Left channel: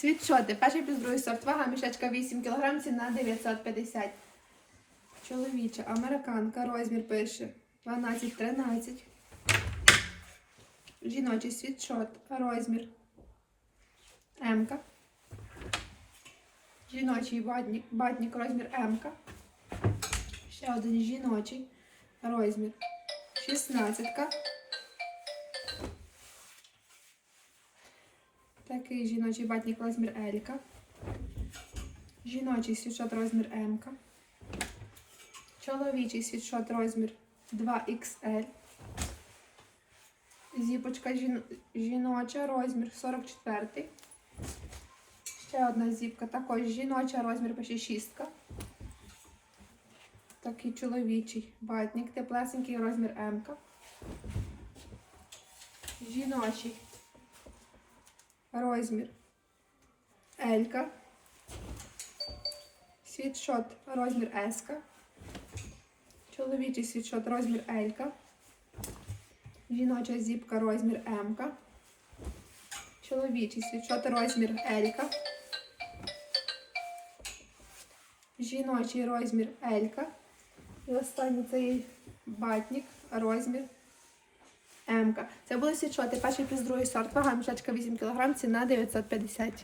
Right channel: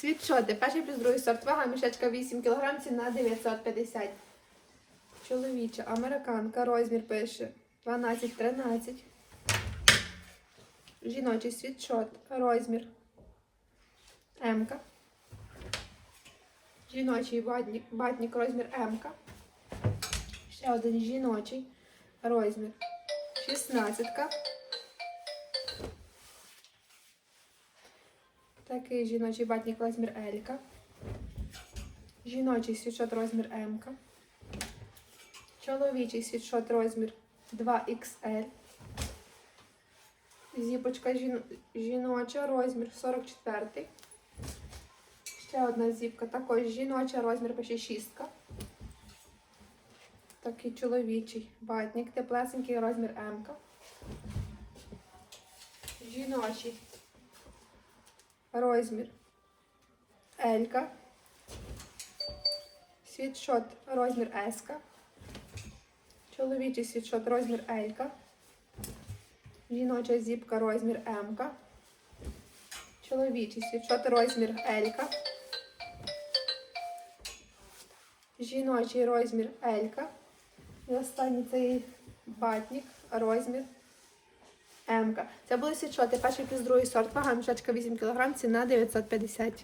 Світшоти. Перший плюс другий сорт. Вага мішечка 8 кг, ціна 950. Чоловіча, американка, розмір пише 12-13. Жіночий світшот, розмір М. -ка. Жіночий батник, батник розмір М. -ка. Ще один жіночий розмір 16. Такий жіночий батник розмір L. -ка. Жіночий світшот розмір М. Чоловічий світшот розмір 2XL. Зіпочка жін... жіноча розмір 44. Ще одна зіпка, також жіноча розмір почти 6. Такий чоловічий батник, теплесенький розмір М. Жіночий розмір L. Світшот розмір S. Чоловічий світшот розмір L. Жіноча зіпка розмір М. Чоловічий світшот розмір L. Жіночий розмір L. І останній цей батник розмір М. Це були світшоти. Перший плюс другий сорт. Вага мішечка 8 кг, ціна 950.